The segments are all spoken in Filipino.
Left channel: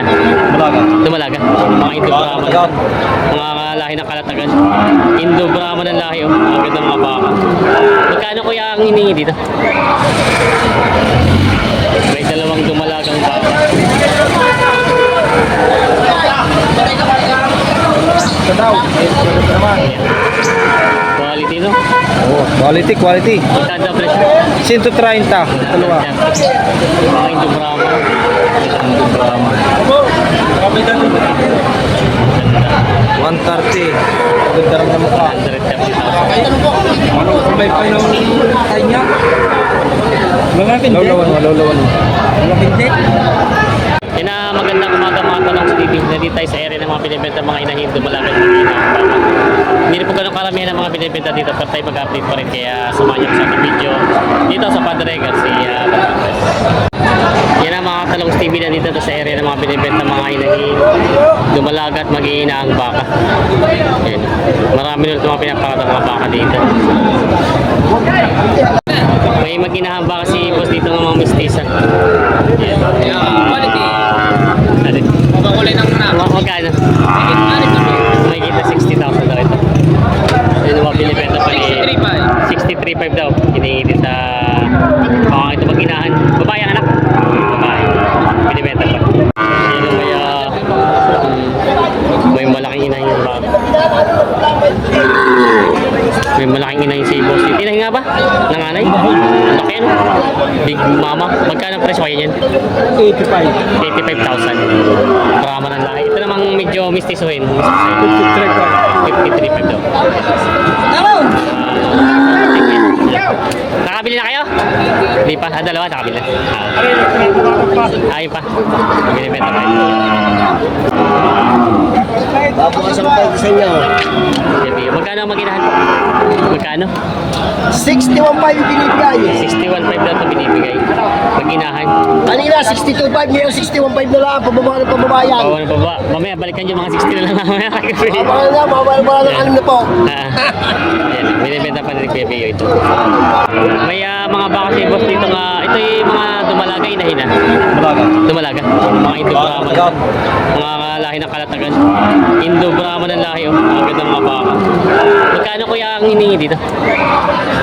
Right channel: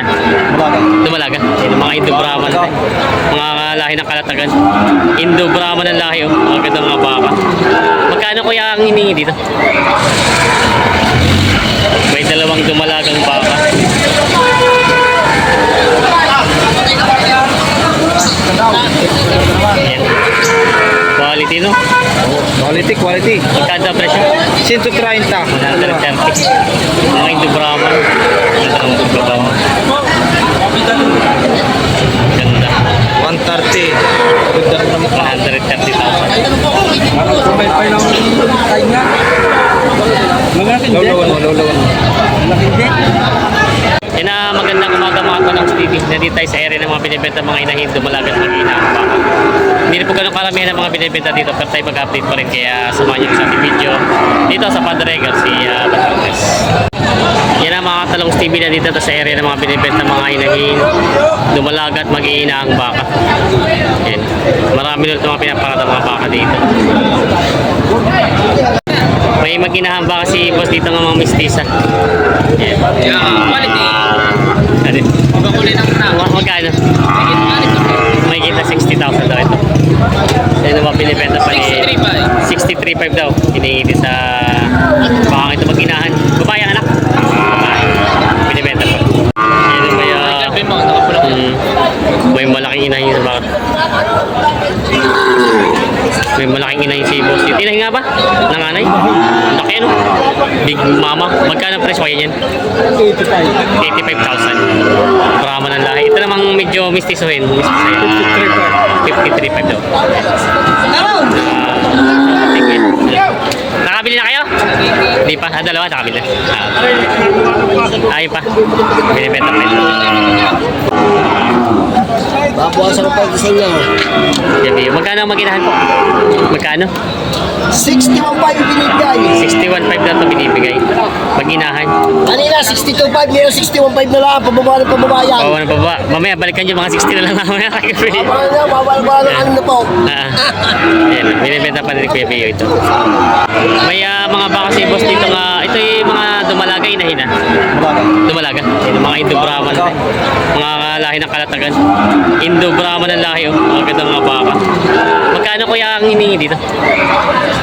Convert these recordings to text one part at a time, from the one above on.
na. Dumalaga. Yan, mga Indo-Brahman. Mga lahi ng Kalatagan. Indo-Brahman ang lahi, oh. Mga ganda mga baka. Magkano kuya ang hiningi dito? May dalawang dumalagang baka. Ayan. Quality, no? Quality. Magkano ang presyo? 130. 130. Mga Indo-Brahman. Ito ang Indo-Brahman. Ganda. 130. 130,000. Yan na magandang umaga mga tanong sa TV. Nandito tayo sa area ng mga binibenta mga inahin, dumalagat, mag-ina ang baka. Hindi na po ganun karamihan ng mga binibenta dito, pero tayo mag-update pa rin, kaya samahan niyo ko sa ating video dito sa Padre Garcia, Batangas. Yan ang mga talong TV na dito sa area ng mga binibenta mga inahin, dumalagat, mag-iina ang baka. Yan. Marami ulit mga pinaparada mga baka dito. May mag-inahang baka si boss dito ng mga mistisa. Yan. Quality. Ano? Magkano? May kita 60,000 daw ito. Yan ang mga binibenta pa ni 63.5 daw. Hiningi sa baka ito mag-inahan. Babae ang anak. Babae. Binibenta pa. Yan ang may malaking inahin sa baka. May malaking inahin si boss. Inahin nga ba? Nanganay? Laki ano? Big mama. Magkano ang presyo kaya yan? 85,000. Brahman ang lahi. Ito namang medyo mistisohin. 53.5 daw. Nakabili na kayo? Hindi pa. Dalawa nakabili na. Ayun pa. Binibenta pa ito. Babukasan ko pa yung design niya. Magkano ang maginahan po? Magkano? 61.5 binibigay. 61.5 daw ito binibigay. Maginahan. Kanina 62.5, ngayon 61.5 na lang. Pababa ng pababayan. Oo, ano pa ba? Mamaya balikan yung mga 60 na lang mamaya kay Kuya Pio. Parang nga, mababa ng ano na po. Ayan, binibenta pa rin Kuya Pio ito. May mga baka si boss dito nga. Ito yung mga dumalaga, inahin na. Dumalaga. Yung mga Indo-Brahman. Mga lahi ng Kalatagan. Indo-Brahman ang lahi, oh. Mga ganda mga baka. Magkano kuya ang hiningi dito?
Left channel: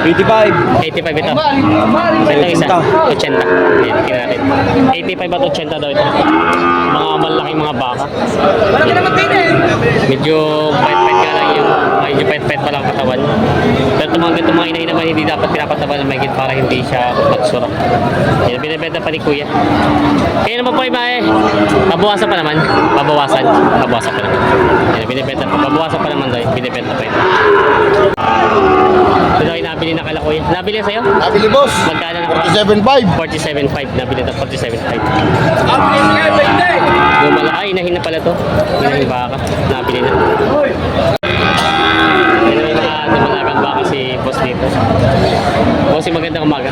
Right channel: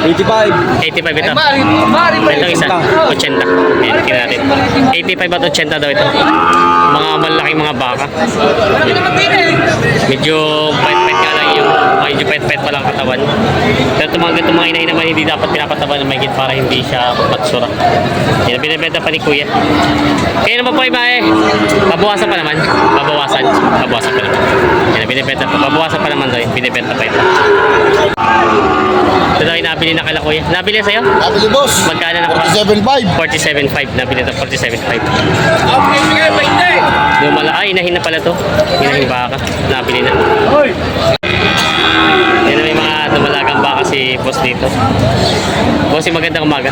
85. 85 ito. Ito isa, 80. Ayan, tingnan natin. 85 at 80 daw ito. Mga malaking mga baka. Medyo pait-pait nga lang yung, medyo pait-pait pa lang katawan. Pero itong mga inahin naman hindi dapat pinapataban ng mahigit para hindi siya magsura. Yan, binibenta pa ni Kuya. Kaya naman po iba eh. Babawasan pa naman. Babawasan pa naman. Yan, binibenta pa. Babawasan pa naman daw eh. Binibenta pa ito. Ito daw yung nabili na kala Kuya. Nabili sa'yo? Nabili boss. Magkano na? 47.5. 47.5. Nabili ito 47.5. Inahin na pala to. Inahin baka. Nabili na. Yan na may mga dumalagang baka si boss dito. Boss, magandang umaga.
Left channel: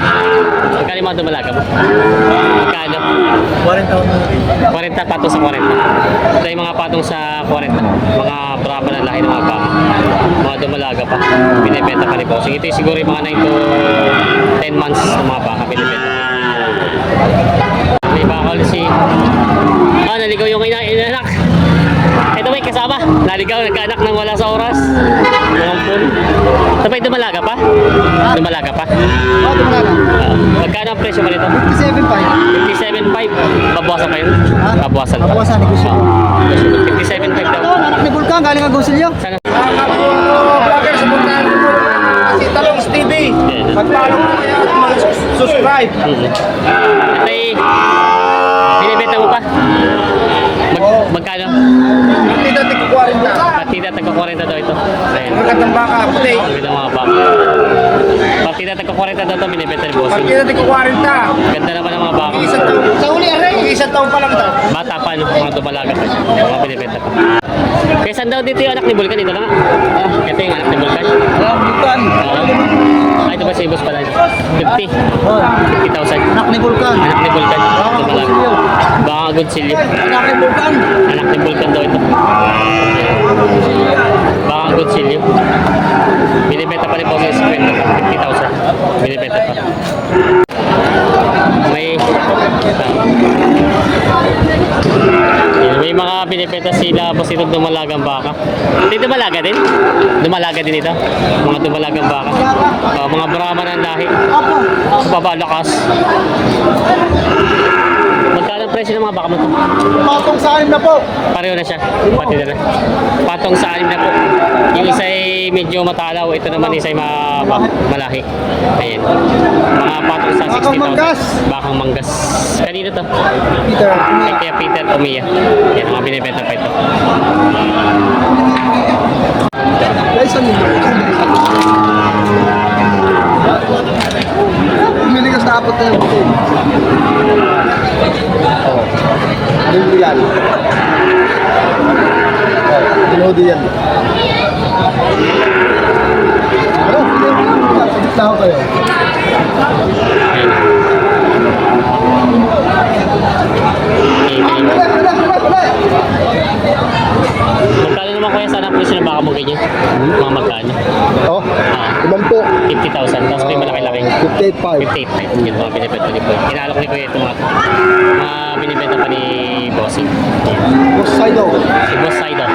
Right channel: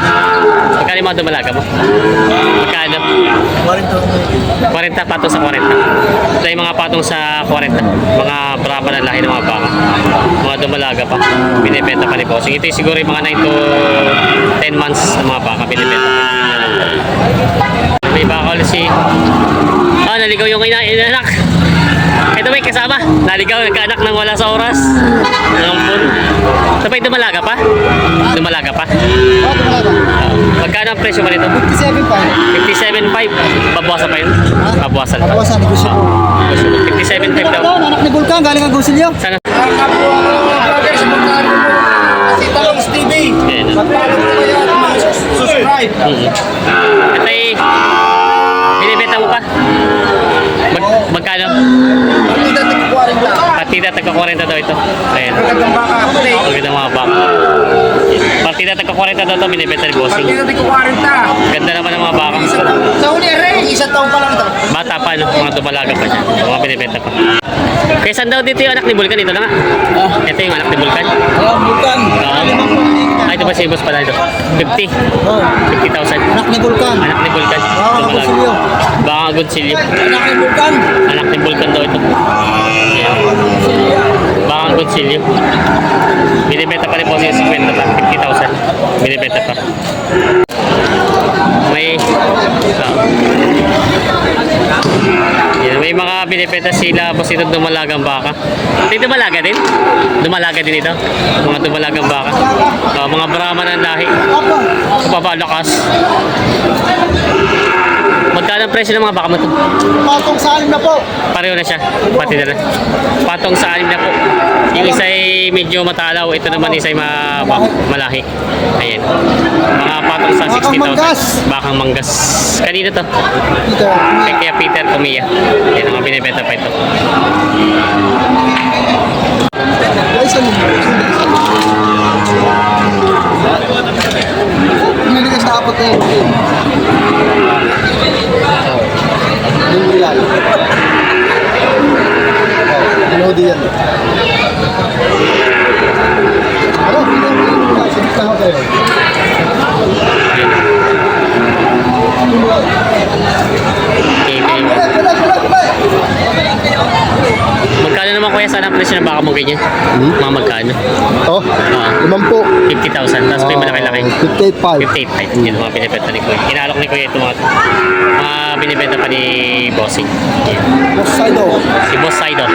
Magkano yung mga dumalaga mo? Magkano? 40 patong sa 40. Ito yung mga patong sa 40. Mga Brahman na lahi ng mga baka. Mga dumalaga pa. Binibenta pa ni boss. Ito yung siguro yung mga 9 to 10 months ng mga baka. Binibenta pa. May baka ulit si... naligaw yung inanak. Ito may kasama. Naligaw, nagkaanak nang wala sa oras. Nampun. Sabay dumalaga pa? Dumalaga pa? Oo, dumalaga. Magkano ang presyo mo nito? 57.5. 57.5. Babawasan pa yun? Babawasan pa. Babawasan, negosyo. 57.5 daw. Anak ni Bulkan, galing ang gusilyo. Sana? Vlogger sa Bulkan. Si Talongs TV. Mag-follow ko kayo at mag-subscribe. Ito ay... Binibenta mo pa? Magkano? Partida tig 40. Partida taga 40 daw ito. Ayan. Magandang baka, puti. Magandang mga baka. Partida taga 40 daw ito, binibenta ni bossing. Partida tig 40. Ganda naman ng mga baka. Sa uli, aray. Isang taon pa lang daw. Bata pa, no? Mga dumalaga pa siya. Mga binibenta pa. Kaya saan daw dito yung anak ni Vulcan? Ito na nga. Ito yung anak ni Vulcan. Bulkan. Oo. Ito ba si boss pala ito? 50. 50,000. Anak ni Bulkan. Anak ni Vulcan. Dumalaga. Baka Gonsilyo. Anak ni Bulkan. Anak ni Vulcan daw ito. Yan. Baka Gonsilyo. Binibenta pa rin po siya 50 pa. 50,000. Binibenta pa. May binibenta sila boss ito dumalagang baka. Ito dumalaga din? Dumalaga din ito? Mga dumalagang baka. Mga Brahman ang lahi. Papalakas. Magkano ang presyo ng mga baka mo ito? Patong sa anim na po. Pareho na siya. Pati na lang. Patong sa 6 na po. Yung isa ay medyo matalaw. Ito naman isa ay malahi. Ayan. Mga patong sa 60,000. Bakang manggas. Kanina to? Peter. Kay Kuya Peter Comia. Yan, mga binibenta pa ito. Guys, ano? Pumili ka sa apat na yung butin. Oo. Anong bilal? Oo. Dinodi yan. Ano? Pili mo lang. Sige na ako kayo. Magkano naman kuya sana ang presyo ng baka mo ganyan? Mga magkano? Oh, 50. 50,000. Tapos may malaki-laki. 58.5. 58. Yun ang mga binibenta ni Kuya. Inaalok ni Kuya ito mga binibenta pa ni Bossing. Yan. Boss Sido. Si Boss Sidon.